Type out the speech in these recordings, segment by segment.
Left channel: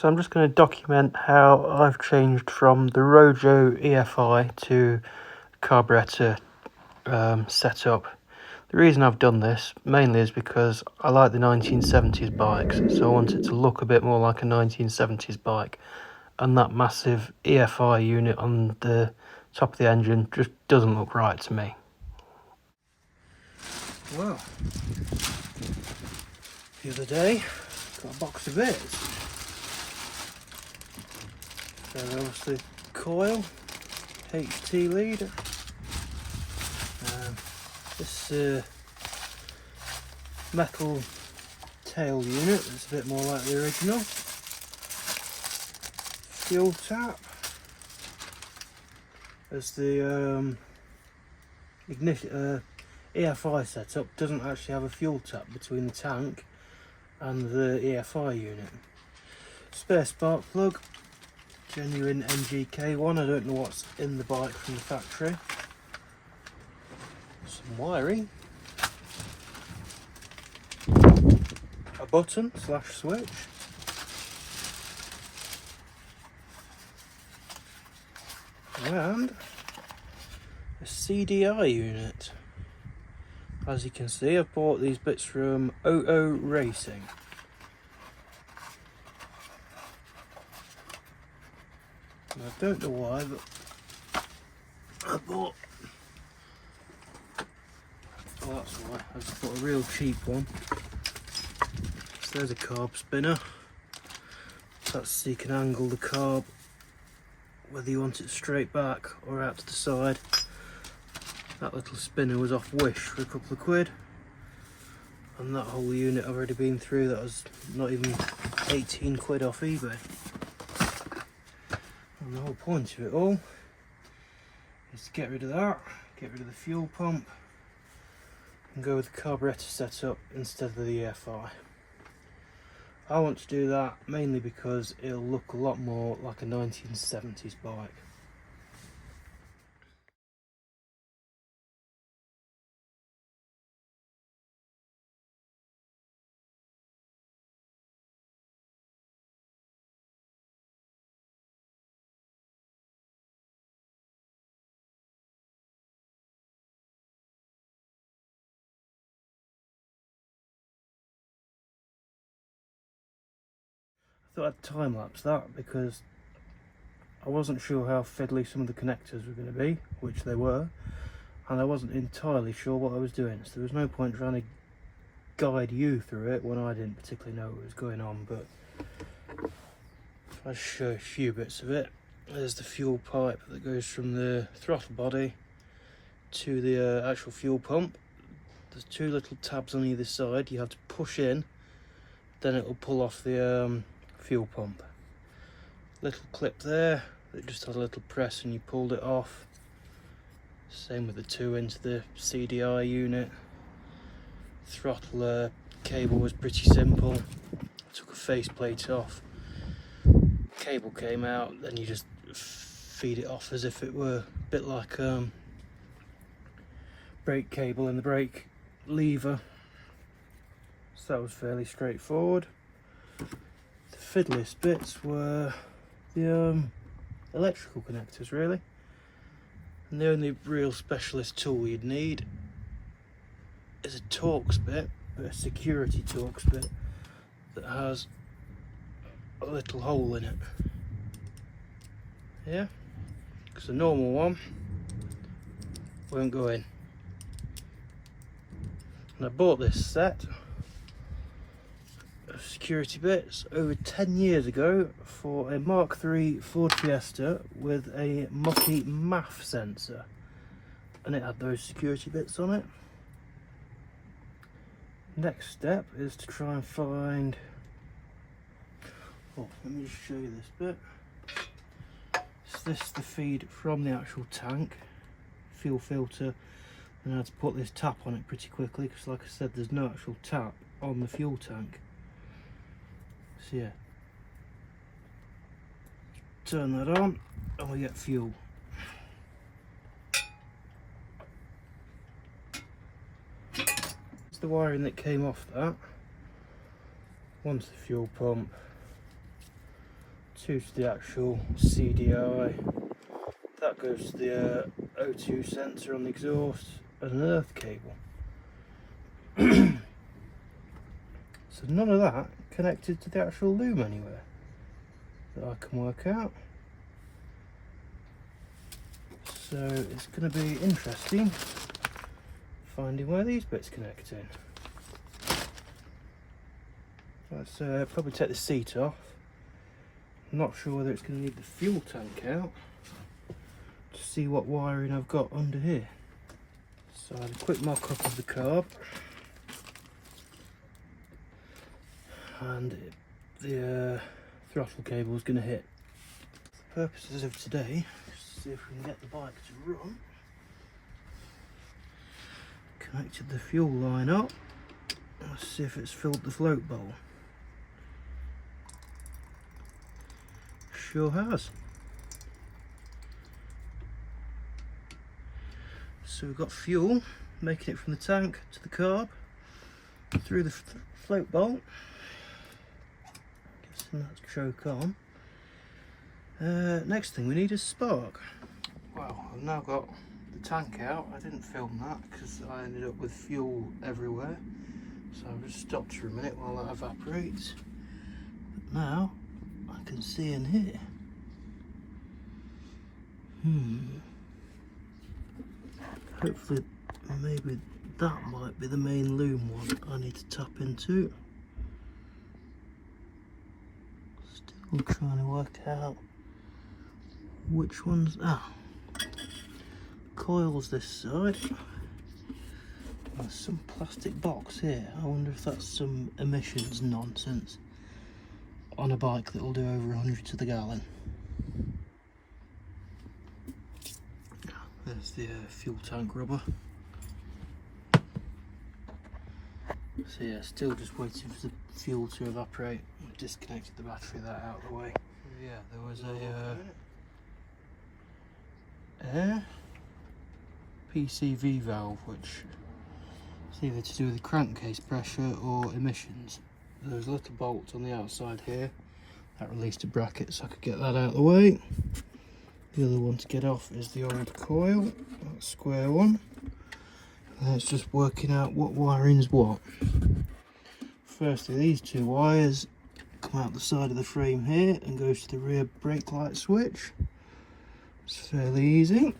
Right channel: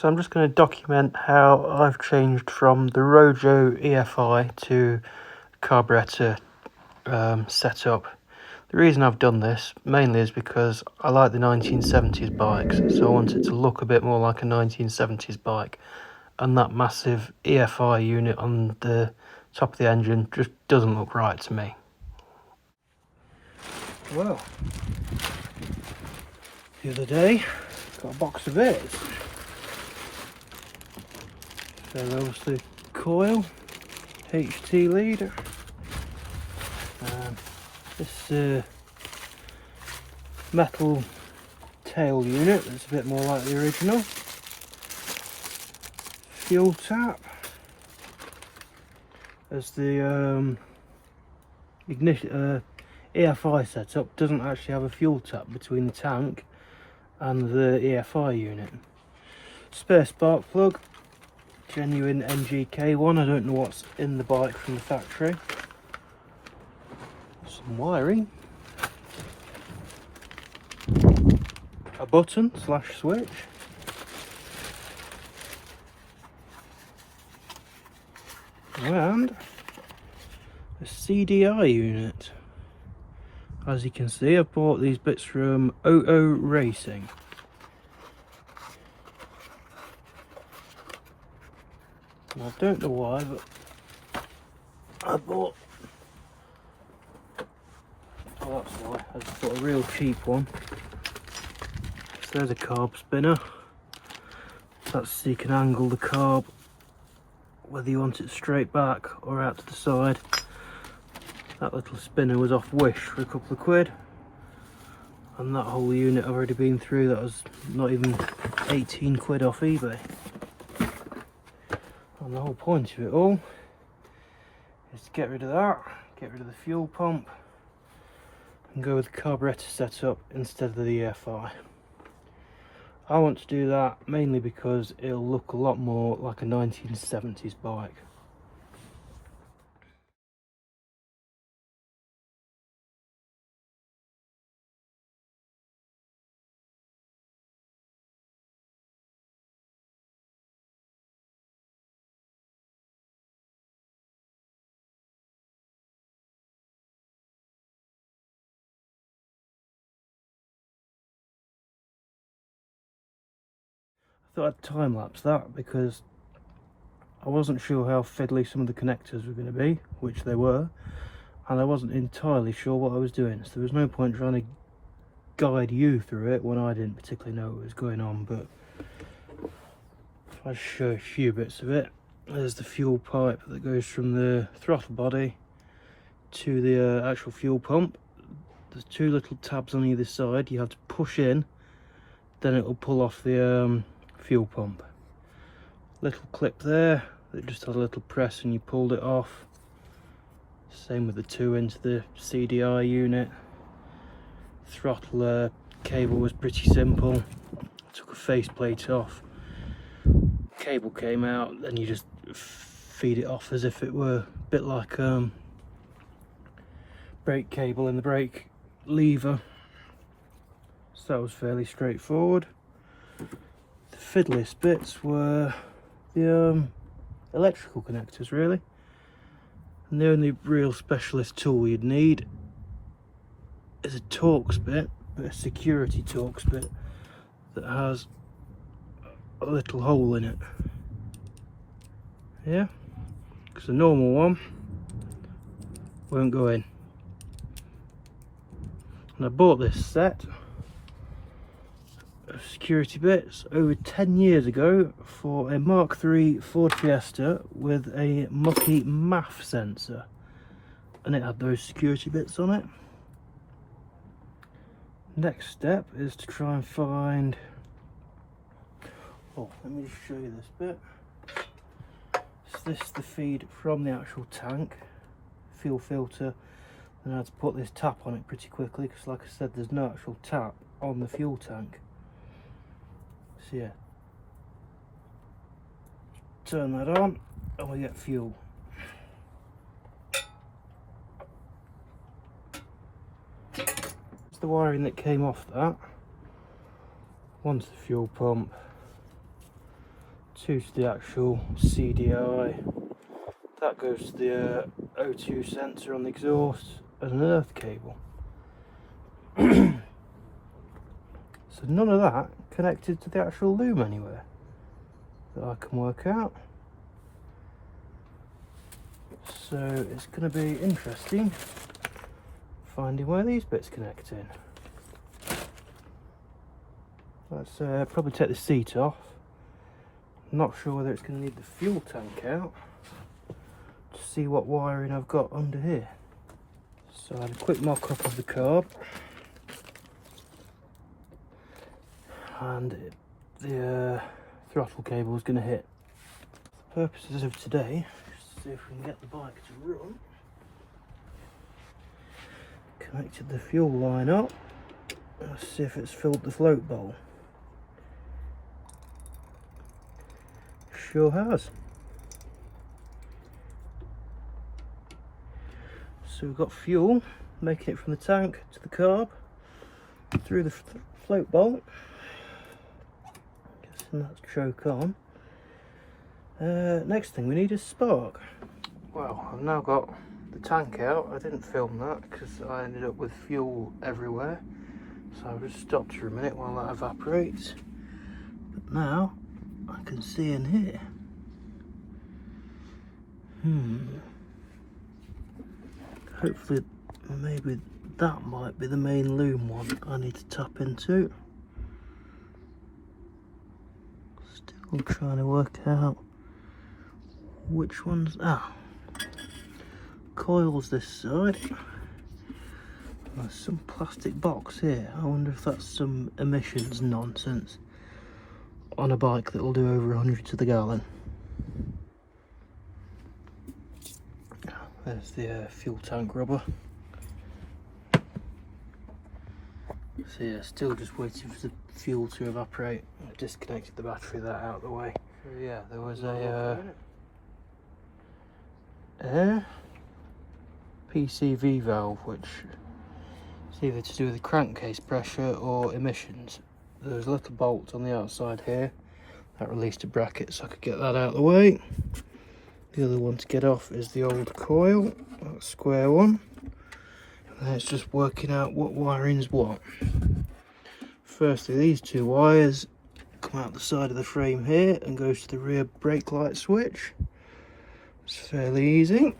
So I'm just going to document how I've changed from the ROJO EFI to Carburetor setup. The reason I've done this mainly is because I like the 1970s bikes, so I want it to look a bit more like a 1970s bike, and that massive EFI unit on the top of the engine just doesn't look right to me. Well, the other day got a box of it. So there's the coil, HT lead. This metal tail unit that's a bit more like the original. Fuel tap. As the ignition EFI setup doesn't actually have a fuel tap between the tank and the EFI unit. Spare spark plug. Genuine MGK one, I don't know what's in the bike from the factory. Some wiring. A button / switch. And a CDI unit. As you can see, I've bought these bits from ROJO Racing. And I don't know why, but I bought, oh that's why, I just bought a real cheap one. So there's a carb spinner. That's so you can angle the carb whether you want it straight back or out to the side. That little spinner was off Wish for a couple of quid. And that whole unit I've already been through, that was not even 18 quid off eBay. And the whole point of it all is to get rid of that, get rid of the fuel pump, and go with the carburetor setup instead of the EFI. I want to do that mainly because it'll look a lot more like a 1970s bike. I thought I'd time lapse that because I wasn't sure how fiddly some of the connectors were going to be, which they were, and I wasn't entirely sure what I was doing, so there was no point trying to guide you through it when I didn't particularly know what was going on. But I'll show a few bits of it. There's the fuel pipe that goes from the throttle body to the actual fuel pump. There's two little tabs on either side. You have to push in, then it will pull off the fuel pump. Little clip there that just has a little press and you pulled it off. Same with the two into the CDI unit. Throttle cable was pretty simple. Took a faceplate off. Cable came out, then you just feed it off as if it were a bit like brake cable in the brake lever. So that was fairly straightforward. The fiddliest bits were the electrical connectors, really. And the only real specialist tool you'd need is a Torx bit, a security Torx bit that has a little hole in it. Yeah, because the normal one won't go in. And I bought this set of security bits over 10 years ago for a Mark III Ford Fiesta with a mucky MAF sensor, and it had those security bits on it. Next step is to try and find, oh, let me just show you this bit. So this is the feed from the actual tank, fuel filter, and I had to put this tap on it pretty quickly because, like I said, there's no actual tap on the fuel tank. So yeah, turn that on and we get fuel. It's the wiring that came off that. Onto the fuel pump, 2 to the actual CDI, that goes to the O2 sensor on the exhaust and an earth cable. So none of that connected to the actual loom anywhere that I can work out. So it's going to be interesting finding where these bits connect in. Let's probably take the seat off. I'm not sure whether it's going to need the fuel tank out to see what wiring I've got under here. So I have a quick mock-up of the carb, and the throttle cable is going to hit. For purposes of today, just see if we can get the bike to run. Connected the fuel line up. Let's see if it's filled the float bowl. Sure has. So we've got fuel making it from the tank to the carb through the float bolt. Guessing that's choke on. Next thing we need is spark. Well, I've now got the tank out. I didn't film that because I ended up with fuel everywhere. So I'll just stop for a minute while that evaporates. But now I can see in here. Hopefully, maybe that might be the main loom one I need to tap into. Still trying to work out which one's coils this side. There's some plastic box here. I wonder if that's some emissions nonsense on a bike that will do over 100 to the gallon. There's the fuel tank rubber. So yeah, still just waiting for the fuel to evaporate. I've disconnected the battery, that out of the way. So yeah, there was a air PCV valve, which is either to do with the crankcase pressure or emissions. There's a little bolt on the outside here that released a bracket, so I could get that out of the way. The other one to get off is the old coil, that square one. And it's just working out what wiring's what. Firstly, these two wires come out the side of the frame here and goes to the rear brake light switch. It's fairly easy.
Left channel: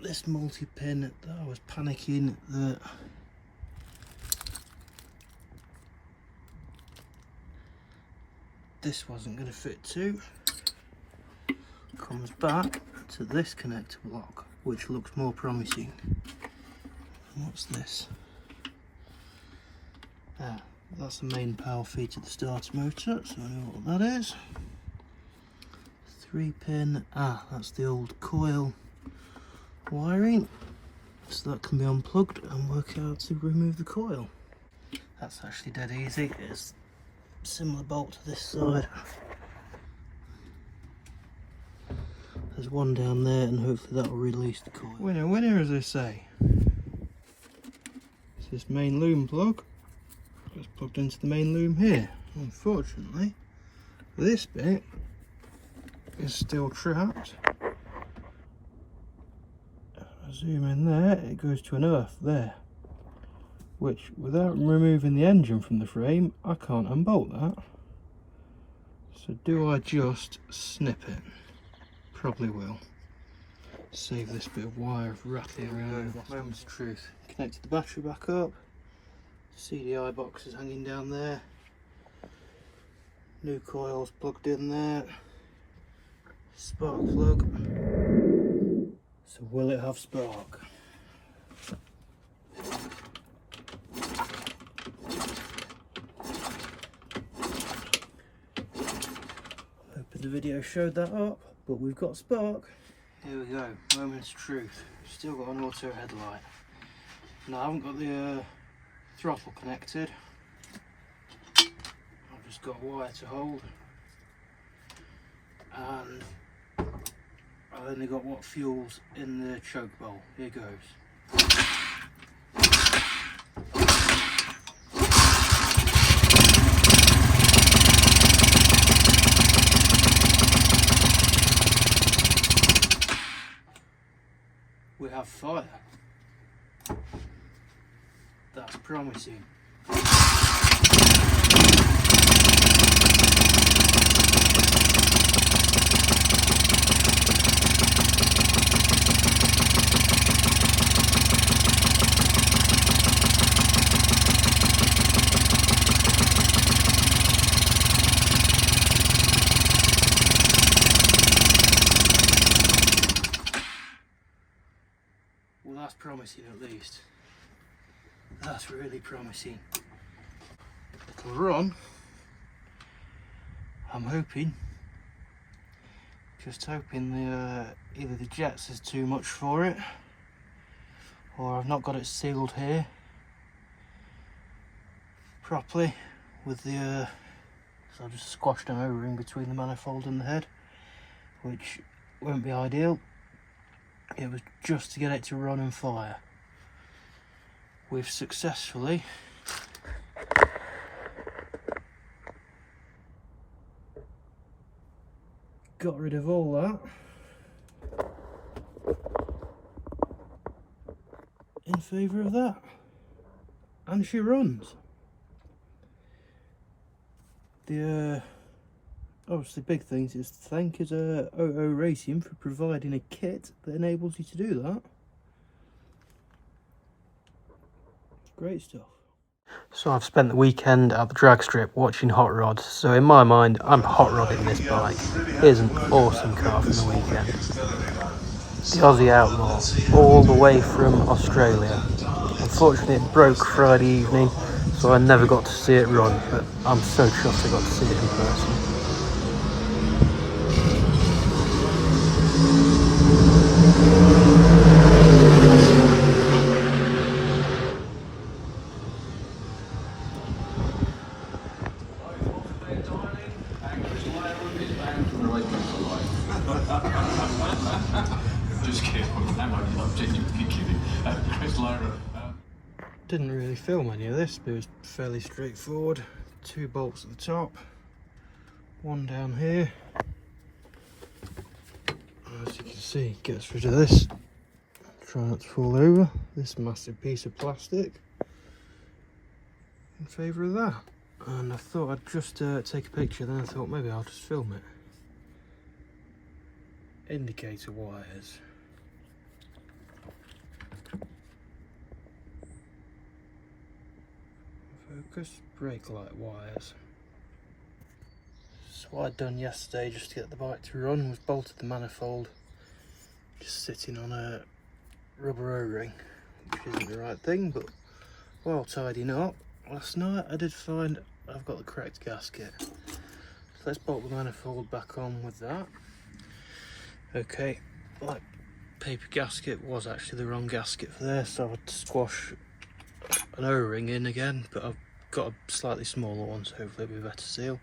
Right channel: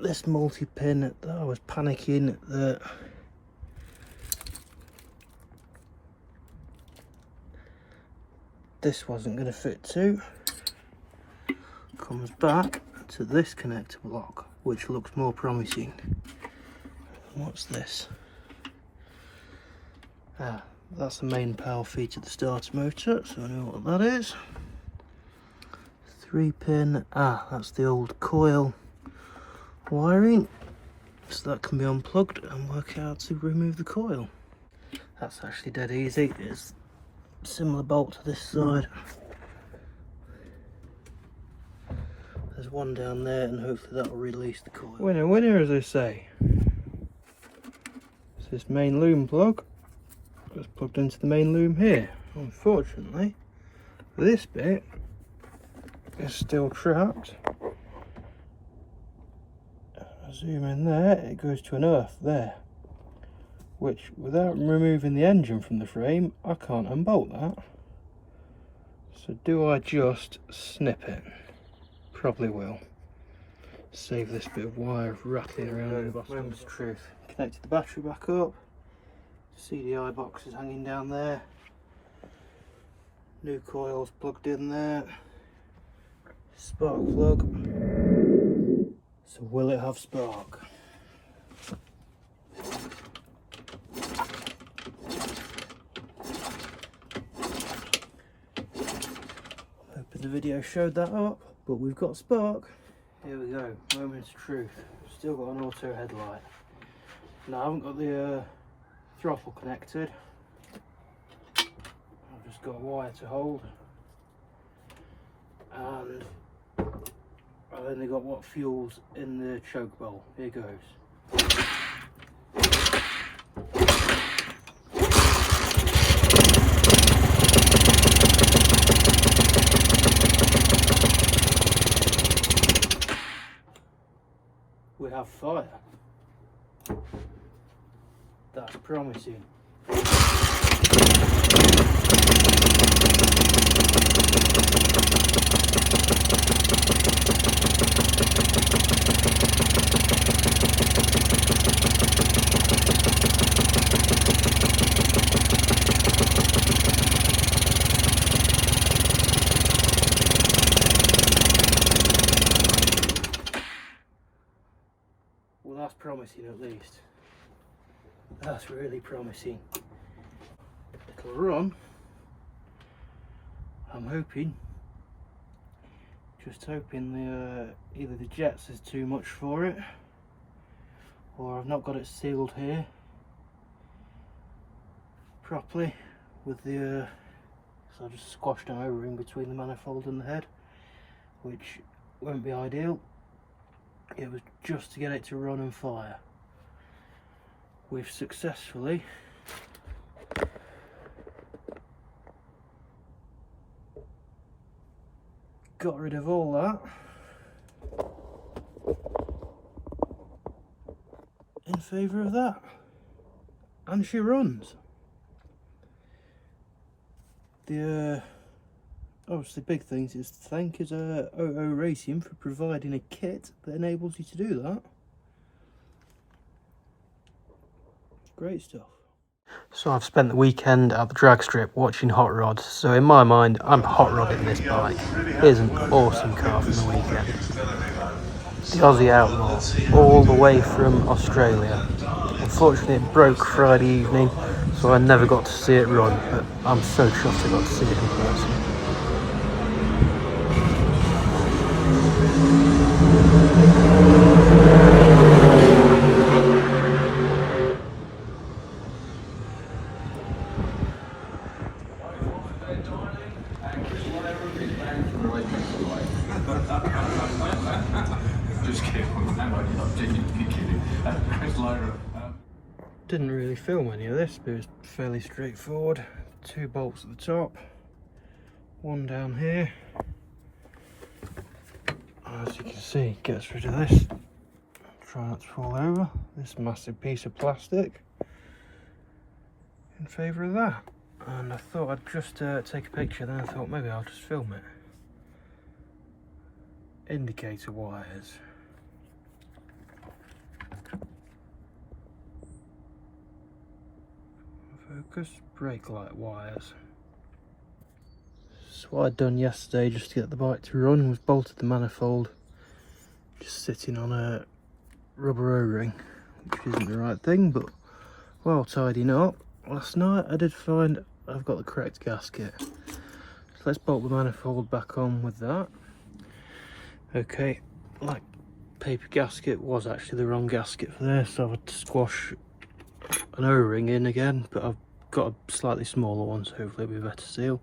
This multi-pin, I was panicking that this wasn't going to fit too. Comes back to this connector block, which looks more promising. What's this? That's the main power feed to the starter motor, so I know what that is. 3-pin, that's the old coil wiring, so that can be unplugged and work out to remove the coil. That's actually dead easy. It's similar bolt to this side. There's one down there, and hopefully that will release the coil. Winner, winner, as I say. It's this main loom plug. It's plugged into the main loom here. Unfortunately, this bit is still trapped. I zoom in there, it goes to an earth there, which without removing the engine from the frame, I can't unbolt that. So do I just snip it? Probably will. Save this bit of wire rattling around. Moment's truth. Connected the battery back up. CDI box is hanging down there. New coils plugged in there. Spark plug. So will it have spark? Hoping the video showed that up, but we've got spark. Here we go, moment's truth. Still got an auto headlight. Now I haven't got the throttle connected. I've just got a wire to hold, and I've only got what fuel's in the choke bowl. Here goes. fire. That's promising. Well, that's promising at least. That's really promising. It'll run. I'm hoping. Just hoping either the jets is too much for it, or I've not got it sealed here properly with the so I've just squashed an O-ring between the manifold and the head, which won't be ideal. It was just to get it to run and fire. We've successfully got rid of all that in favour of that, and she runs. The obviously big things is to thank is ROJO Racing for providing a kit that enables you to do that. Great stuff. So I've spent the weekend at the drag strip watching hot rods, so in my mind I'm hot rodding this bike. Here's an awesome car from the weekend. The Aussie Outlaw, all the way from Australia. Unfortunately it broke Friday evening, so I never got to see it run, but I'm so chuffed I got to see it in person. Didn't really film any of this, but it was fairly straightforward. 2 bolts at the top, 1 down here. As you can see, gets rid of this. Try not to fall over. This massive piece of plastic in favour of that. And I thought I'd just take a picture, then I thought maybe I'll just film it. Indicator wires. Focus, brake light wires. So what I'd done yesterday just to get the bike to run was bolted the manifold just sitting on a rubber O-ring, which isn't the right thing, but while tidying up last night I did find I've got the correct gasket. So let's bolt the manifold back on with that. Okay, my paper gasket was actually the wrong gasket for this, so I would squash an O-ring in again, but I've got a slightly smaller one, so hopefully it'll be a better seal.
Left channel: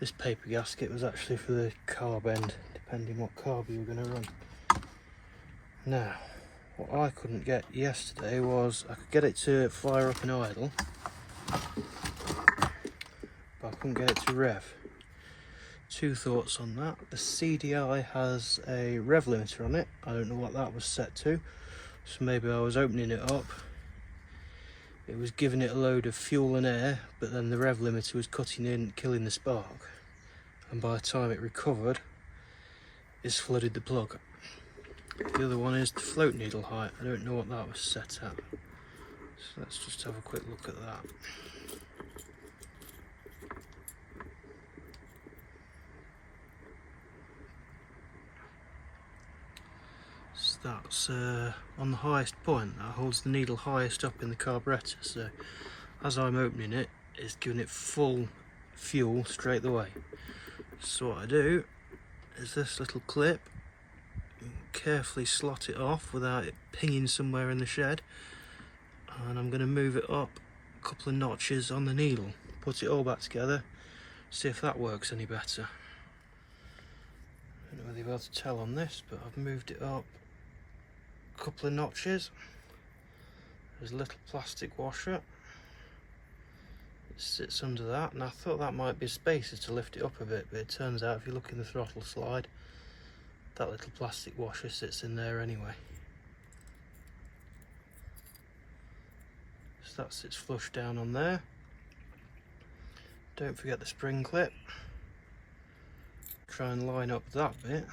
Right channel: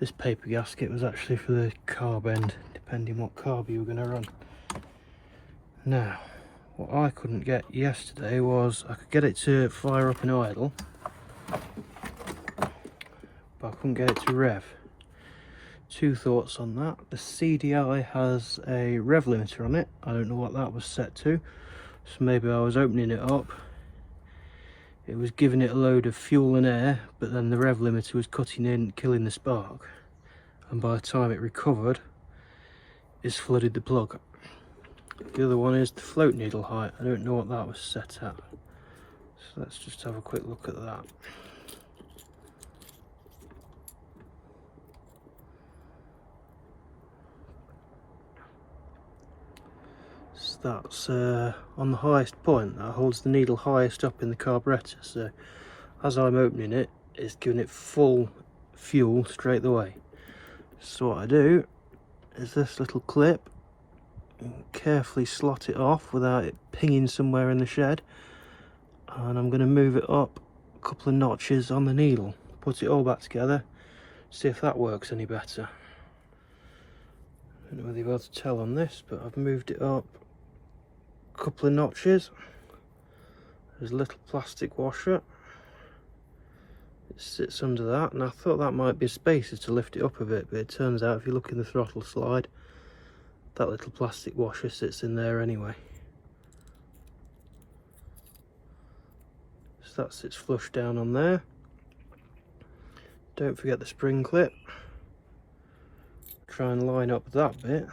This paper gasket was actually for the carb end, depending what carb you were going to run. Now, what I couldn't get yesterday was I could get it to fire up and idle, but I couldn't get it to rev. 2 thoughts on that. The CDI has a rev limiter on it. I don't know what that was set to, so maybe I was opening it up, it was giving it a load of fuel and air, but then the rev limiter was cutting in, killing the spark, and by the time it recovered, it's flooded the plug. The other one is the float needle height. I don't know what that was set at, so let's just have a quick look at that. That's on the highest point. That holds the needle highest up in the carburetor, so as I'm opening it, it's giving it full fuel straight away. So what I do is this little clip, carefully slot it off without it pinging somewhere in the shed, and I'm going to move it up a couple of notches on the needle, put it all back together, see if that works any better. I don't know whether you'll be able to tell on this, but I've moved it up couple of notches. There's a little plastic washer, it sits under that, and I thought that might be a spacer to lift it up a bit, but it turns out if you look in the throttle slide, that little plastic washer sits in there anyway. so that sits flush down on there. Don't forget the spring clip. Try and line up that bit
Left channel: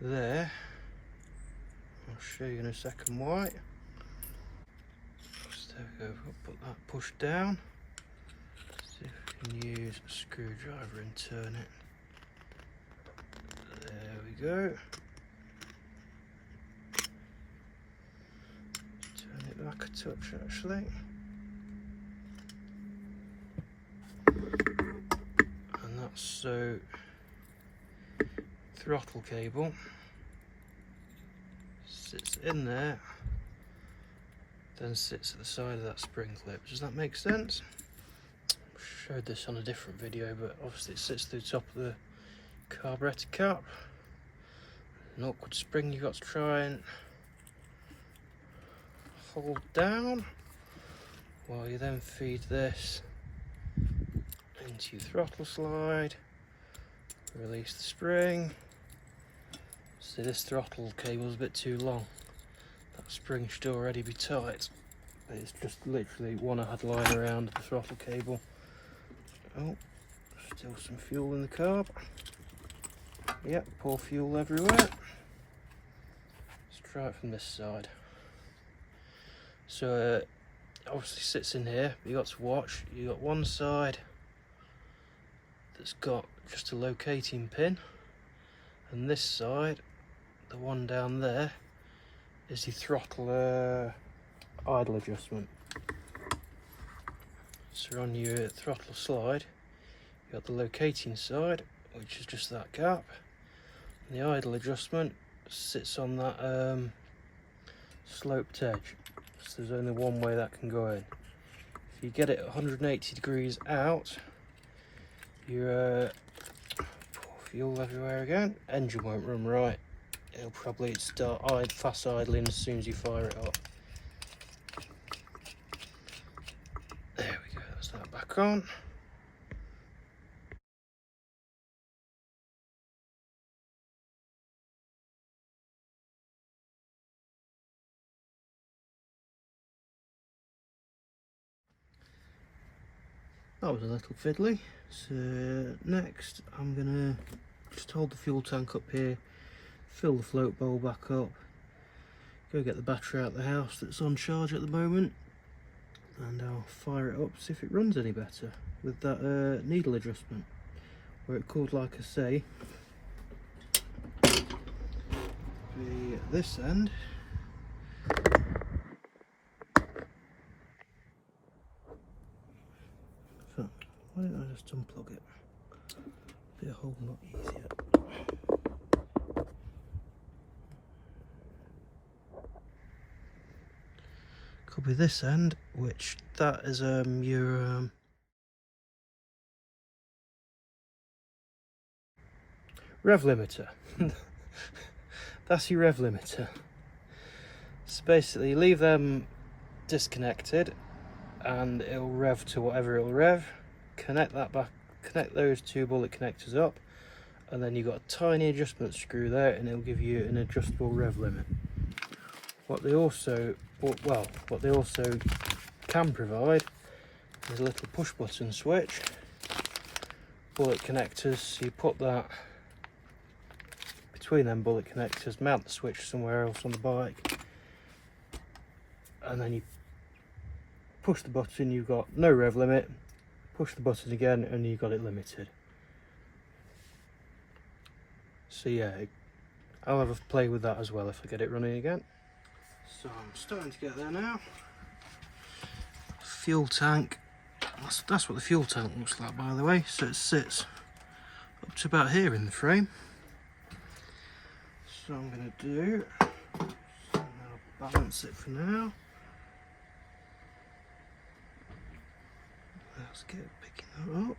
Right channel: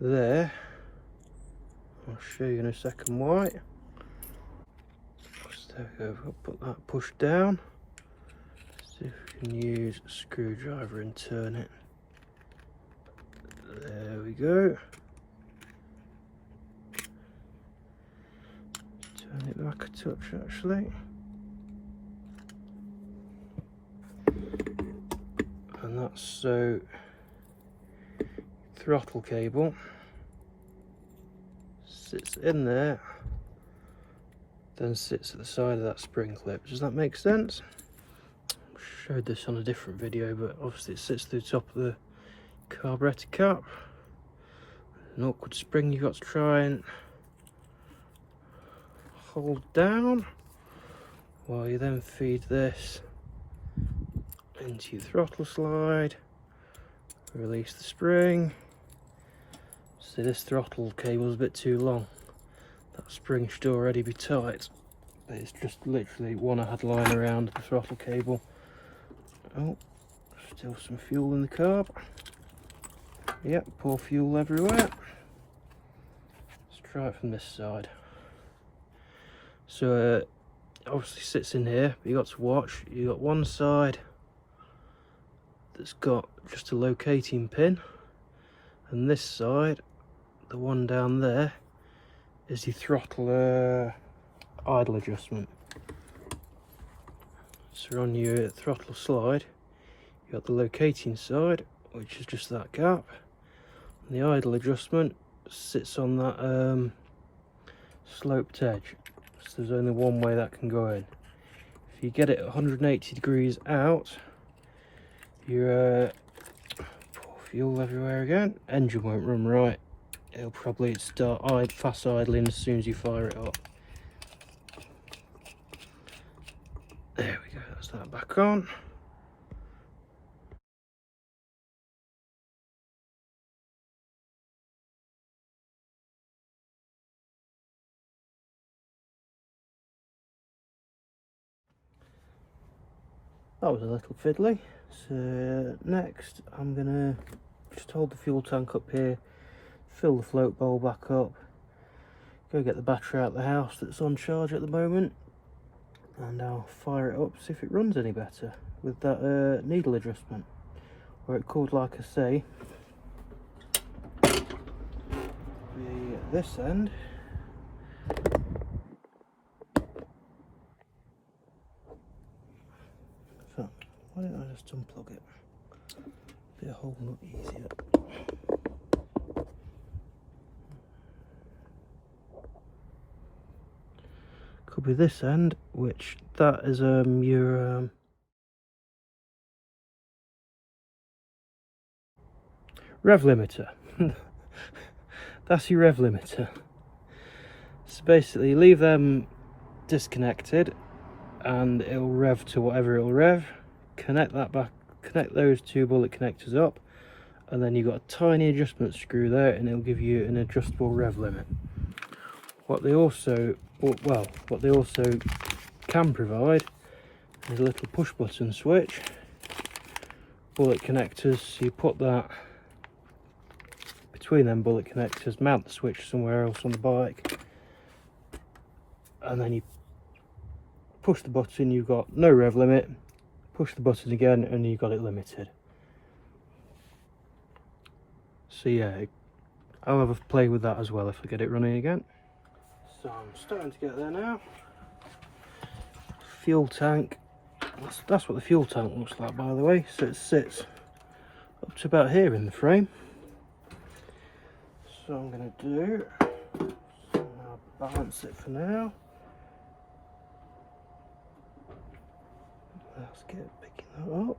there. I'll show you in a second why. So there we go, I'll put that push down. See if we can use a screwdriver and turn it. There we go. Turn it back a touch actually. And that's so throttle cable sits in there, then sits at the side of that spring clip. Does that make sense? I showed this on a different video, but obviously it sits through the top of the carburetor cap. An awkward spring you've got to try and hold down while you then feed this into your throttle slide, release the spring. See, this throttle cable is a bit too long. That spring should already be tight, but it's just literally one I had lying around the throttle cable. Oh, still some fuel in the carb. Yep, pour fuel everywhere. Let's try it from this side. So obviously sits in here, you got to watch. You got one side that's got just a locating pin, and this side, the one down there, is the throttle idle adjustment. So on your throttle slide, you got the locating side, which is just that gap. And the idle adjustment sits on that sloped edge. So there's only one way that can go in. If you get it 180 degrees out, your fuel everywhere again. Engine won't run right. It'll probably start fast idling as soon as you fire it up. There we go, that's that back on. That was a little fiddly. So next I'm gonna just hold the fuel tank up here, fill the float bowl back up, go get the battery out of the house that's on charge at the moment, and I'll fire it up, see if it runs any better with that needle adjustment, where it could, like I say, be at this end. So why don't I just unplug it? Be a whole lot easier. Could be this end, which that is your rev limiter. That's your rev limiter. So basically leave them disconnected and it'll rev to whatever it'll rev. Connect that back, connect those two bullet connectors up, and then you've got a tiny adjustment screw there and it'll give you an adjustable rev limit. What they also can provide is a little push button switch, bullet connectors, so you put that between them bullet connectors, mount the switch somewhere else on the bike, and then you push the button, you've got no rev limit, push the button again and you've got it limited. So yeah, I'll have a play with that as well if I get it running again. So I'm starting to get there now. Fuel tank, that's what the fuel tank looks like, by the way. So it sits up to about here in the frame. So I'm going to do, so I'll balance it for now. Let's get picking that up.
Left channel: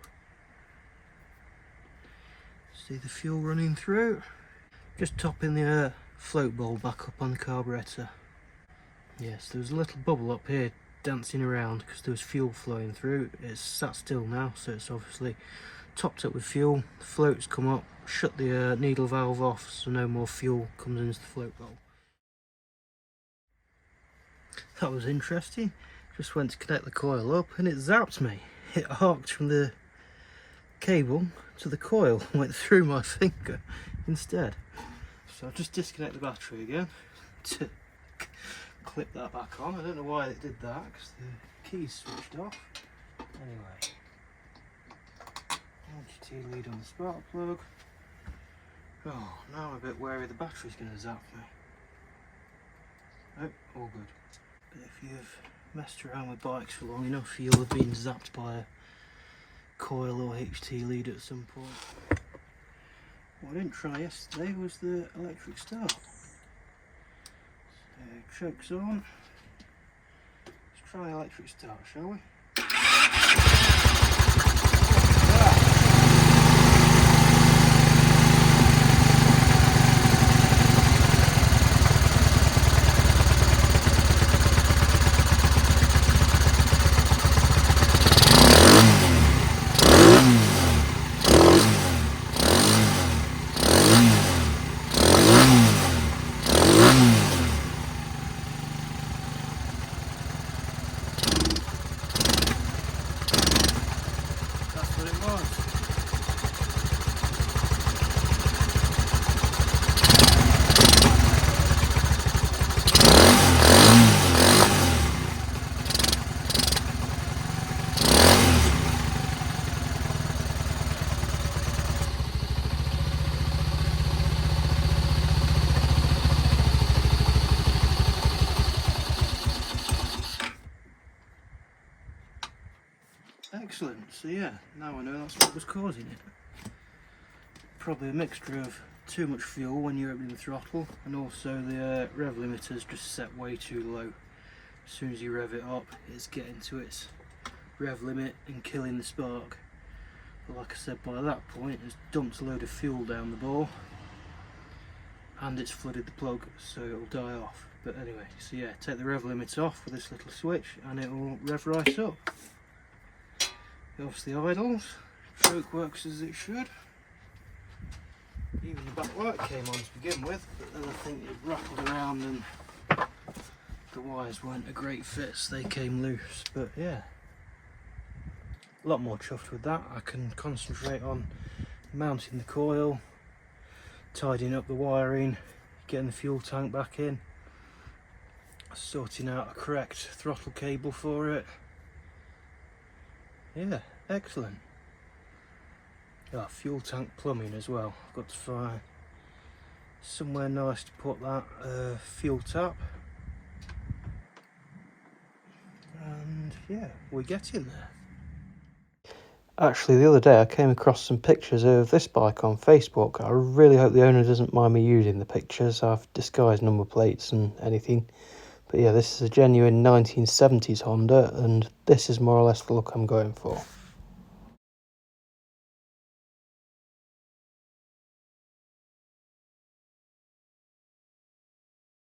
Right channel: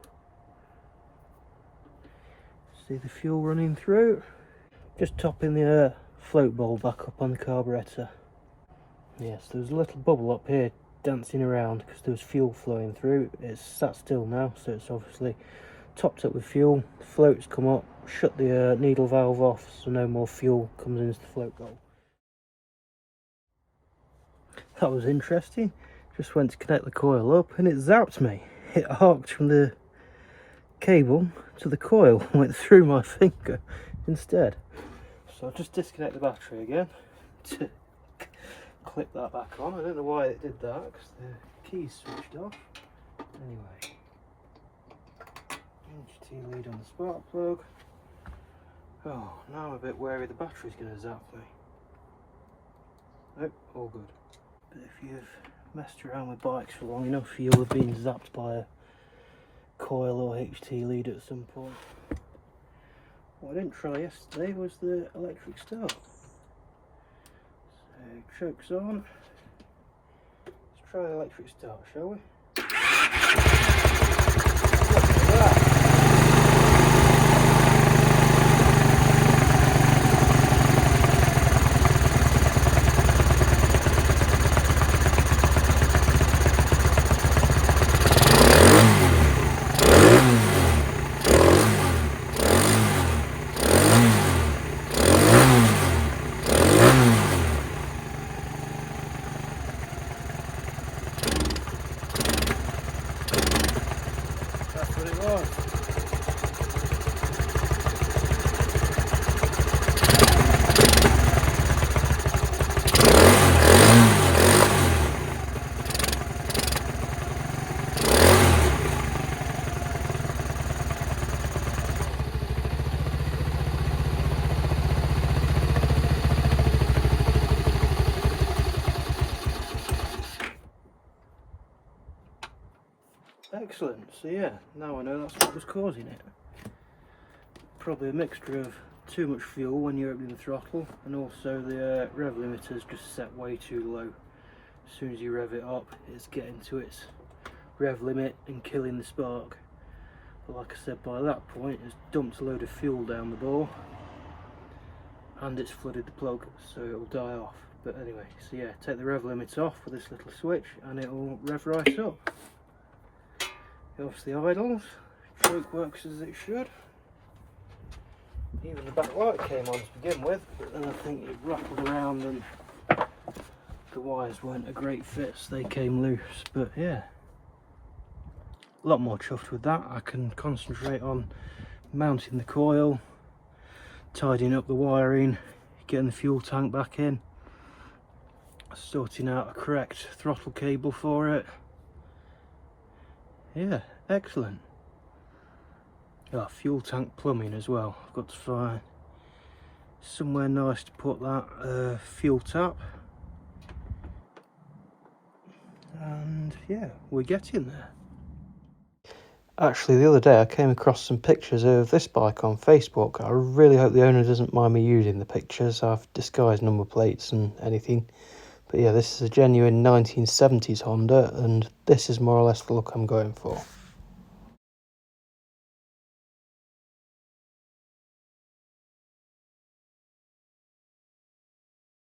See the fuel running through. Just topping the float bowl back up on the carburetor. Yes, there was a little bubble up here dancing around because there was fuel flowing through. It's sat still now, so it's obviously topped up with fuel. The float's come up, shut the needle valve off so no more fuel comes into the float bowl. That was interesting. Just went to connect the coil up and it zapped me. It arced from the cable to the coil, went through my finger instead. So I'll just disconnect the battery again to clip that back on. I don't know why it did that, because the key's switched off. Anyway, HT lead on the spark plug. Oh, now I'm a bit wary the battery's going to zap me. Nope, all good. But if you've messed around with bikes for long enough, you'll have been zapped by a coil or HT lead at some point. What I didn't try yesterday was the electric start. So, choke's on. Let's try the electric start, shall we? That's what it was. Excellent. So yeah, now I know that's what was causing it. Probably a mixture of too much fuel when you're opening the throttle, and also the rev limiter's just set way too low. As soon as you rev it up, it's getting to its rev limit and killing the spark. But like I said, by that point it's dumped a load of fuel down the bore and it's flooded the plug, so it'll die off. But anyway, so yeah, take the rev limiter off with this little switch and it will rev right up. Off the idles, choke works as it should. Even the back light came on to begin with, but then I think it rattled around and the wires weren't a great fit, so they came loose. But yeah, a lot more chuffed with that. I can concentrate on mounting the coil, tidying up the wiring, getting the fuel tank back in, sorting out a correct throttle cable for it. Yeah, excellent. Oh, fuel tank plumbing as well. I've got to find somewhere nice to put that fuel tap. And yeah, we're getting there. Actually, the other day I came across some pictures of this bike on Facebook. I really hope the owner doesn't mind me using the pictures. I've disguised number plates and anything. But yeah, this is a genuine 1970s Honda, and this is more or less the look I'm going for.